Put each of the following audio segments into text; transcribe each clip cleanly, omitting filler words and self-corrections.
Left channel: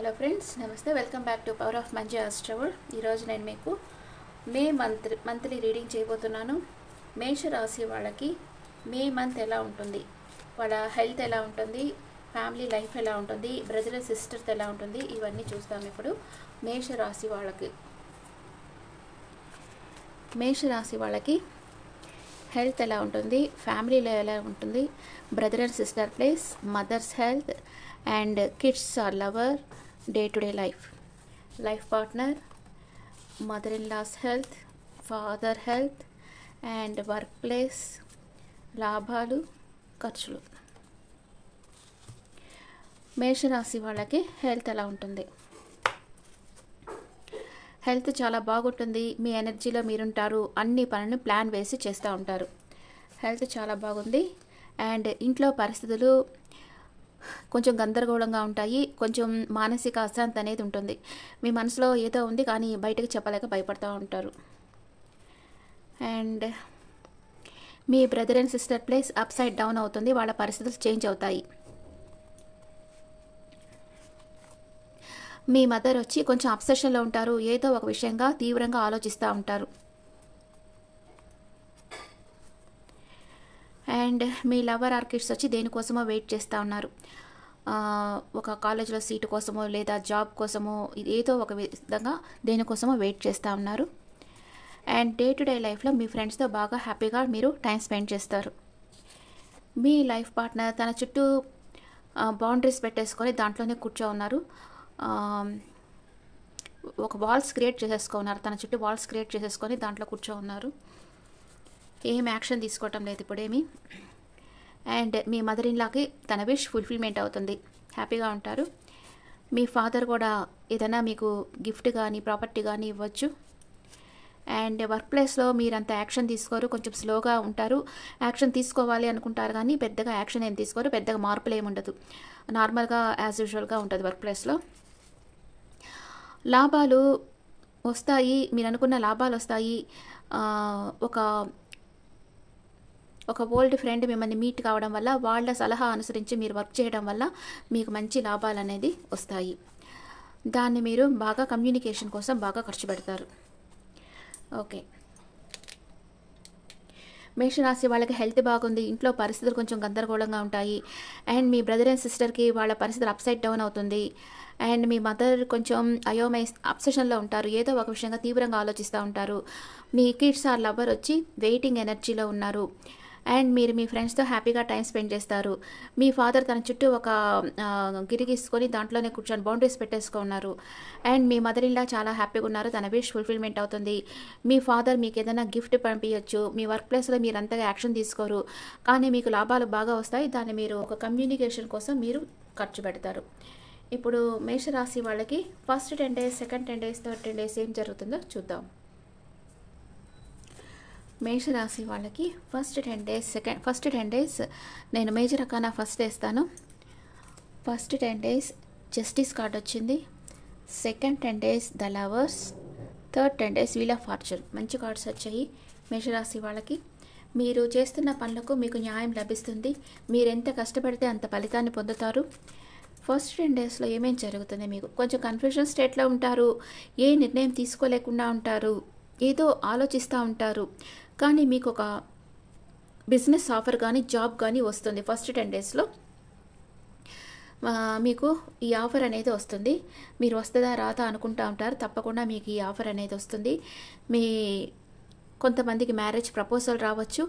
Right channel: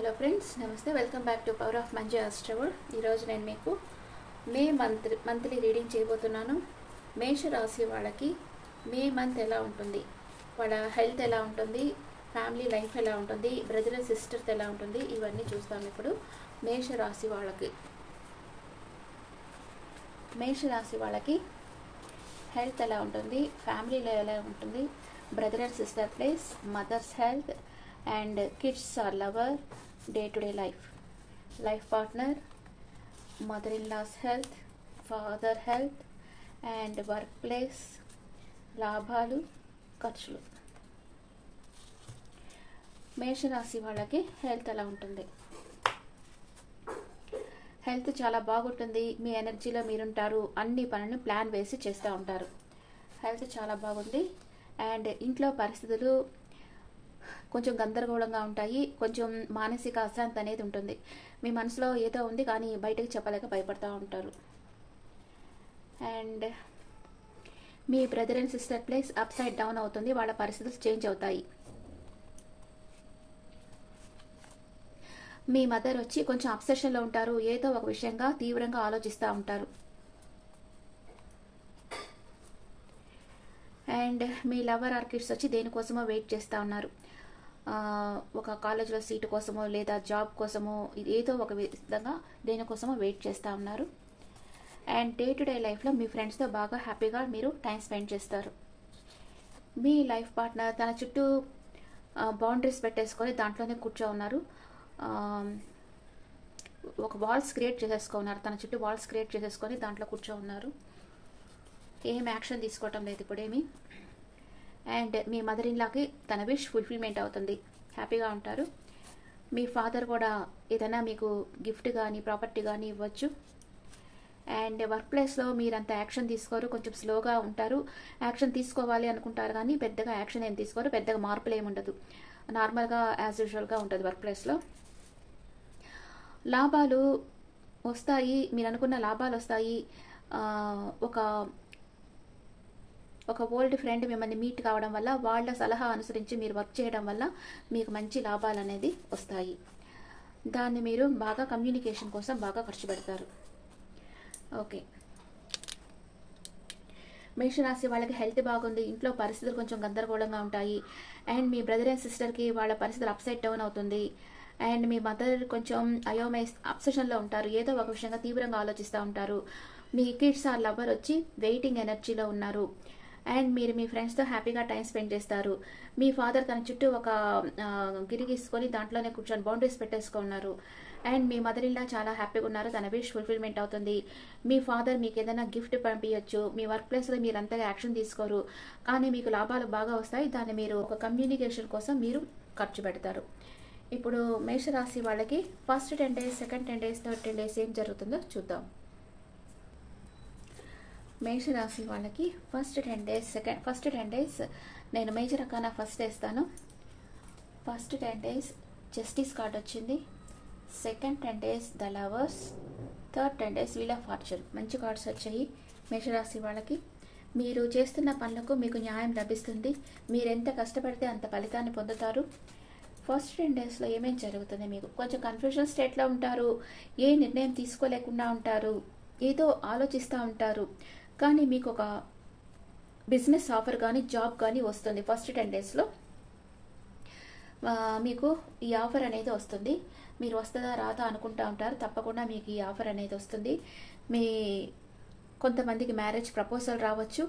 Hello friends, నమస్తే. Welcome back to power of Manju Astroval. ఈరోజు నేను మీకు మే మంత్లీ రీడింగ్ చేయబోతున్నాను. మేష రాశి వాళ్ళకి మే మంత్ ఎలా ఉంటుంది, వాళ్ళ హెల్త్ ఎలా ఉంటుంది, ఫ్యామిలీ లైఫ్ ఎలా ఉంటుంది, బ్రదర్ అండ్ సిస్టర్స్ ఎలా ఉంటుంది, ఇవన్నీ చూస్తాం. ఇప్పుడు మేష రాశి వాళ్ళకి హెల్త్ ఎలా ఉంటుంది, ఫ్యామిలీలో ఎలా ఉంటుంది, brother and sister place, mother's health and kids or lover, day-to-day life partner, mother-in-law's health, father health and workplace, లాభాలు ఖర్చులు. మేషరాశి వాళ్ళకి హెల్త్ ఎలా ఉంటుంది? హెల్త్ చాలా బాగుంటుంది. మీ ఎనర్జీలో మీరుంటారు. అన్ని పనులను ప్లాన్ వేసి చేస్తూ ఉంటారు. హెల్త్ చాలా బాగుంది. అండ్ ఇంట్లో పరిస్థితులు కొంచెం గందరగోళంగా ఉంటాయి. కొంచెం మానసిక అశాంతి అనేది ఉంటుంది. మీ మనసులో ఏదో ఉంది కానీ బయటకు చెప్పలేక భయపడుతూ ఉంటారు. And me brother and sister place up side down అవుతుంది. వాళ్ళ పరిస్థితులు చేంజ్ అవుతాయి. మీ మదర్ వచ్చి కొంచెం అబ్సెషన్లో ఉంటారు. ఏదో ఒక విషయంగా తీవ్రంగా ఆలోచిస్తూ ఉంటారు. And me lover are kids వచ్చి దేనికోసమో వెయిట్ చేస్తూ ఉన్నారు. ఒక కాలేజ్లో సీటు కోసమో లేదా జాబ్ కోసమో ఏదో ఒక విధంగా దేనికోసమో వెయిట్ చేస్తూ ఉన్నారు. అండ్ డే టు డే లైఫ్లో మీ ఫ్రెండ్స్తో బాగా హ్యాపీగా మీరు టైం స్పెండ్ చేస్తారు. మీ లైఫ్ పార్ట్నర్ తన చుట్టూ బౌండరీస్ పెట్టేసుకొని దాంట్లోనే కూర్చో ఉన్నారు. ఒక వాల్స్ క్రియేట్ చేసేసుకున్నారు. తన చుట్టూ వాల్స్ క్రియేట్ చేసేసుకొని దాంట్లో కూర్చో ఉన్నారు. ఏం యాక్షన్ తీసుకోవటం లేదు ఇప్పుడేమి. అండ్ మీ మదర్ ఇన్లాకి తన విష్ ఫుల్ఫిల్మెంట్ అవుతుంది. హ్యాపీగా ఉంటారు. మీ ఫాదర్ కూడా ఏదైనా మీకు గిఫ్ట్ కానీ ప్రాపర్టీ కానీ ఇవ్వచ్చు. అండ్ వర్క్ ప్లేస్లో మీరంత యాక్షన్ తీసుకోరు. కొంచెం స్లోగా ఉంటారు. యాక్షన్ తీసుకోవాలి అనుకుంటారు కానీ పెద్దగా యాక్షన్ ఏం తీసుకోరు. పెద్దగా మార్పులు ఏమి ఉండదు. నార్మల్గా యాజ్ యూజువల్గా ఉంటుంది వర్క్ ప్లేస్లో. లాభాలు వస్తాయి. మీరు అనుకున్న లాభాలు వస్తాయి. ఒక ఓల్డ్ ఫ్రెండ్ మిమ్మల్ని మీట్ కావడం వల్ల, వాళ్ళ సలహా అనుసరించి మీరు వర్క్ చేయడం వల్ల మీకు మంచి లాభాలు అనేది వస్తాయి. దాన్ని మీరు బాగా కమ్యూనికేషన్ కోసం బాగా ఖర్చు పెడతారు. ఓకే. మేషరాశి వాళ్ళకి హెల్త్ బాగుంది. ఇంట్లో పరిస్థితులు కొంచెం గందరగోళంగా ఉంటాయి. అండ్ మీ బ్రదర్ అండ్ సిస్టర్కి వాళ్ళ పరిస్థితులు అప్ సైడ్ డౌన్ అవుతుంది. అండ్ మీ మదర్ కొంచెం అబ్సెషన్లో ఉంటారు. ఏదో ఒక విషయంగా తీవ్రంగా ఆలోచిస్తూ ఉంటారు. మీ కిడ్స్ ఆర్ లవర్ వచ్చి వెయిటింగ్ ఎనర్జీలో ఉన్నారు. అండ్ మీరు మీ ఫ్రెండ్స్తో హ్యాపీగా టైం స్పెండ్ చేస్తారు. మీ ఫాదర్ తన చుట్టూ ఒక గిరిగీసుకొని దాంట్లోనే కూర్చొని బౌండరీస్ పెట్టేసుకున్నారు. అండ్ మీ మదర్ ఇన్లా చాలా హ్యాపీగా ఉన్నారు. తన విష్ ఫుల్ఫిల్మెంట్ అవుతుంది. మీ ఫాదర్ మీకు ఏదైనా గిఫ్ట్ పంపించవచ్చు. మీ వర్క్ ప్లేస్లో మీరు అంతగా యాక్షన్ తీసుకోరు కానీ మీకు లాభాలు బాగా వస్తాయి. దాన్ని మీరు ఒక కమ్యూనికేషన్ కోసం మీరు ఖర్చు పెడతారు. ఇప్పుడు మేషరాశి వాళ్ళకి first 10 days, second 10 days, third 10 days ఏం జరుగుతుందో చూద్దాం. మేషరాశి వాళ్ళకి ఫస్ట్ 10 days నేను మేజర్ అకానా ఫస్ట్ వేస్తాను. ఫస్ట్ 10 days జస్టిస్ కార్డ్ వచ్చింది. Second 10 days the lovers, third 10 days wheel of fortune. మంచి కార్డ్స్ వచ్చాయి మేషరాశి వాళ్ళకి. మీరు చేస్తున్న పనులకు మీకు న్యాయం లభిస్తుంది. మీరు ఎంత కష్టపడితే అంత ఫలితాన్ని పొందుతారు. ఫస్ట్ 10 daysలో ఏమేం జరుగుతుంది? మీకు కొంచెం కన్ఫ్యూజన్ స్టేట్లో ఉంటారు. ఏ నిర్ణయం తీసుకోలేకుండా ఉంటారు. ఏదో ఆలోచిస్తూ ఉంటారు. కానీ మీకు ఒక బిజినెస్ ఆఫర్ కానీ జాబ్ కానీ వస్తుంది. ఫస్ట్ 10 daysలో మీకు ఈ ఆఫర్ అనేది వస్తుంది. మీరు వస్తుందా రాదా అనుకుంటూ ఉంటారు. తప్పకుండా మీకు ఈ ఆఫర్ అనేది వస్తుంది. మీ కొంతమందికి మ్యారేజ్ ప్రపోజల్ రావచ్చు.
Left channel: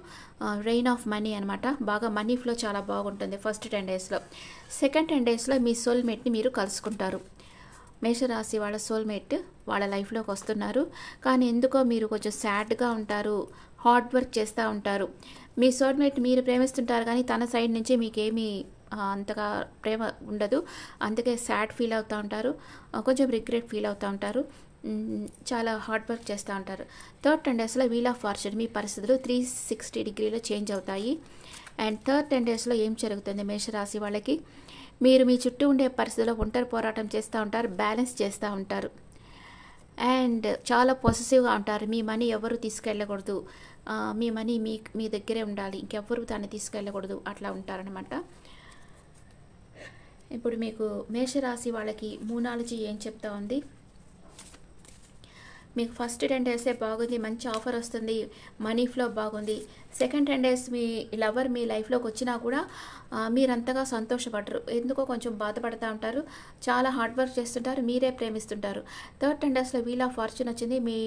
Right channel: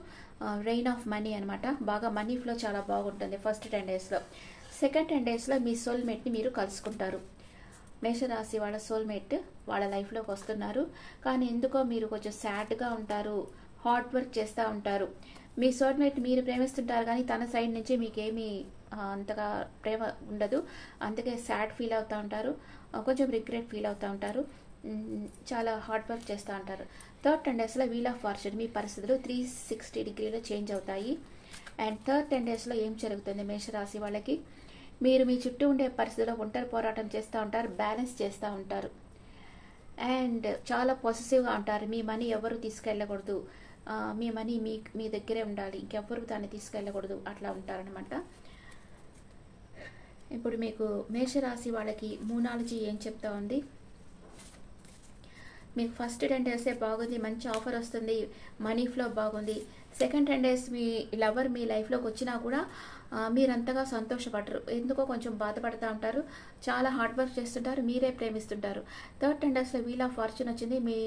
రెయిన్ ఆఫ్ మనీ అనమాట. బాగా మనీ ఫ్లో చాలా బాగుంటుంది ఫస్ట్ 10 daysలో. సెకండ్ 10 daysలో మీ సోల్మేట్ని మీరు కలుసుకుంటారు. మేషరాశి వాళ్ళ సోల్మేట్ వాళ్ళ లైఫ్లోకి వస్తున్నారు. కానీ ఎందుకో మీరు కొంచెం సాడ్గా ఉంటారు. హార్డ్ వర్క్ చేస్తూ ఉంటారు. మీ సోల్మేట్ మీరు ప్రేమిస్తుంటారు కానీ తన సైడ్ నుంచి మీకేమీ అంతగా ప్రేమ ఉండదు. అందుకే సాడ్ ఫీల్ అవుతూ ఉంటారు. కొంచెం రిగ్రెట్ ఫీల్ అవుతూ ఉంటారు. చాలా హార్డ్ వర్క్ చేస్తూ ఉంటారు. థర్డ్ 10 daysలో వీల్ ఆఫ్ ఫార్చ్యూన్. మీ పరిస్థితులు 360 degrees చేంజ్ అవుతాయి. అండ్ థర్డ్ 10 daysలో ఏం జరుగుతుంది మేషరాశి వాళ్ళకి? మీరు మీ చుట్టూ ఉండే పరిస్థితుల్లో ఒంటరి పోరాటం చేస్తూ ఉంటారు. బ్యాలెన్స్ చేస్తూ ఉంటారు. అండ్ చాలా పొసెసివ్గా ఉంటారు. మీ మనీ ఎవరు తీసుకెళ్ళకూడదు. మీ మనీ మీ దగ్గరే ఉండాలి. ఇంకెవ్వరు దాన్ని తీసుకెళ్ళకూడదు. అట్లా ఉంటారనమాట. ఇప్పుడు మీకు మేషరాశి వాళ్ళకి మూనాలజీ ఏం చెప్తా ఉంది. మీకు ఫస్ట్ 10 డేసే బాగుంది, మంచి ఆఫర్ వస్తుంది, మనీ ఫ్లో బాగుంది. సెకండ్ 10 డేస్ మీ లవర్ మీ లైఫ్లోకి వచ్చినా కూడా మీరంతగా సంతోషపడరు, ఎందుకో కొంచెం బాధపడుతూ ఉంటారు, చాలా హార్డ్ వర్క్ చేస్తుంటారు, మీరే ప్రేమిస్తుంటారు. థర్డ్ 10 డేస్లో వీల్ ఆఫ్ ఫార్చ్యూన్ వచ్చింది, మీ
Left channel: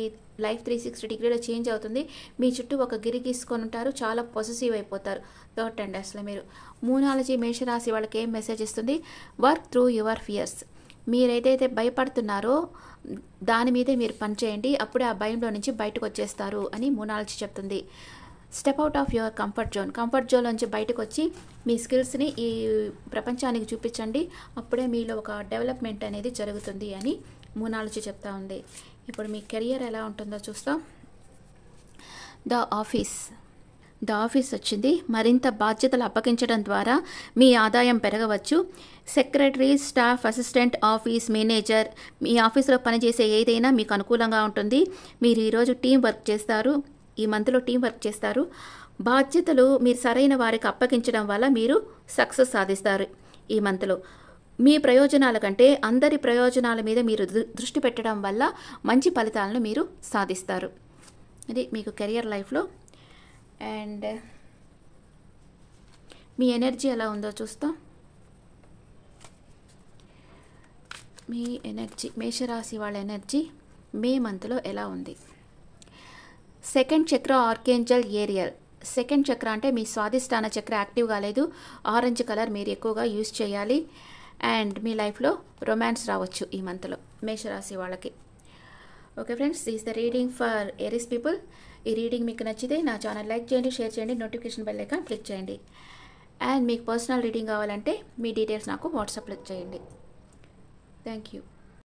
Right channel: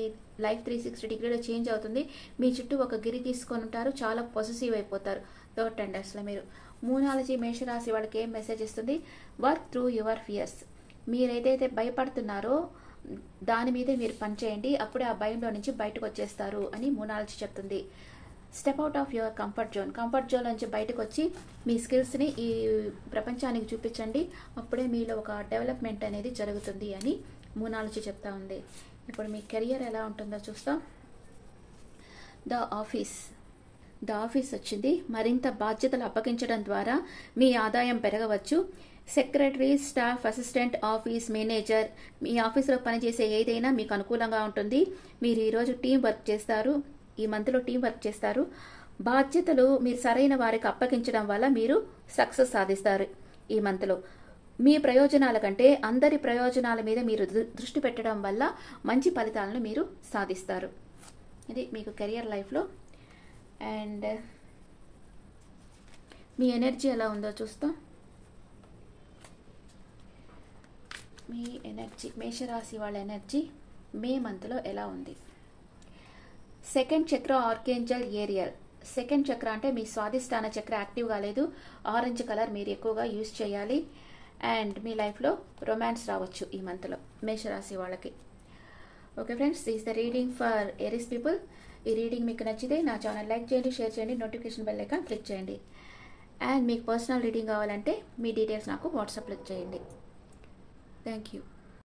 లైఫ్ 360 డిగ్రీలో చేంజ్ అవుతుంది, మీ చుట్టూ ఒక గిరి గీసుకొని ఉంటారు, చాలా పాజిటివ్ అయిపోతారు థర్డ్ 10 డేస్లో మీరు. మూనాలజీ మేషరాశి వాళ్ళకి ఏం మెసేజ్ ఇస్తుంది? Work through your fears. మీరేదైతే భయపడుతున్నారో దాని మీదే మీరు పనిచేయండి, అప్పుడే ఆ భయంలో నుంచి బయటకు వచ్చేస్తారు అని మూనాలజీ చెప్తుంది. Step out of your comfort zone నుంచి బయటకు వచ్చి మీ స్కిల్స్ని ఈ ప్రపంచానికి చూపించండి, అప్పుడే మీలో ఒక డెవలప్మెంట్ అనేది జరుగుతుంది అని మూనాలజీ చెప్తా ఉంది. ఇప్పుడు మీ కెరియర్ ఎలా ఉంటుందో చూస్తాం. ద ఆఫీస్ వచ్చింది. మరింత బాధ్యతలు అప్పగించడం ద్వారా మీ ఆదాయం పెరగవచ్చు. Secretary, staff assistant, office manager, మీ ఆఫీస్లో పనిచేసే ఏదైనా మీకు అనుకూలంగా ఉంటుంది. మీరు ఈరోజు టీం వర్క్ చేస్తారు, ఈ మంత్లో టీం వర్క్ చేస్తారు. బాధ్యతలు మీరు సరైన వారికి అప్పగించడం వల్ల మీరు సక్సెస్ సాధిస్తారు. ఈ మంత్లో మీ ప్రయోజనాల కంటే అందరి ప్రయోజనాల మీద మీరు దృష్టి పెట్టడం వల్ల మంచి ఫలితాలను మీరు సాధిస్తారు. ఇది మీకు కెరియర్ లైఫ్లో. అండ్ మీ ఎనర్జీ ఎలా ఉందో చూస్తాం. మీ ఎనర్జీ, మేషరాశి వాళ్ళ ఎనర్జీ మే మంత్లో ఎలా ఉంది? సెకండ్ చక్ర ఆర్కేంజల్ ఏరియల్. సెకండ్ చక్ర అంటే మీ స్వాదిష్టాన చక్ర యాక్టివ్ కాలేదు, ఆరెంజ్ కలర్ మీరు ఎక్కువగా యూజ్ చేయాలి. అండ్ మీ లైఫ్లో రొమాన్స్ రావచ్చు ఈ మంత్లో మేషరాశి వాళ్ళకి. Okay friends, is the reading for Aries people. ఈ రీడింగ్ మీకు నచ్చితే నా ఛానల్ లైక్ చేయండి, షేర్ చేయండి, నోటిఫికేషన్ బెల్ ఐకాన్ క్లిక్ చేయండి. అండ్ మీకు పర్సనల్ రీడింగ్ కావాలంటే మీ డీటెయిల్స్ నాకు వాట్సాప్లో చేయండి. Thank you.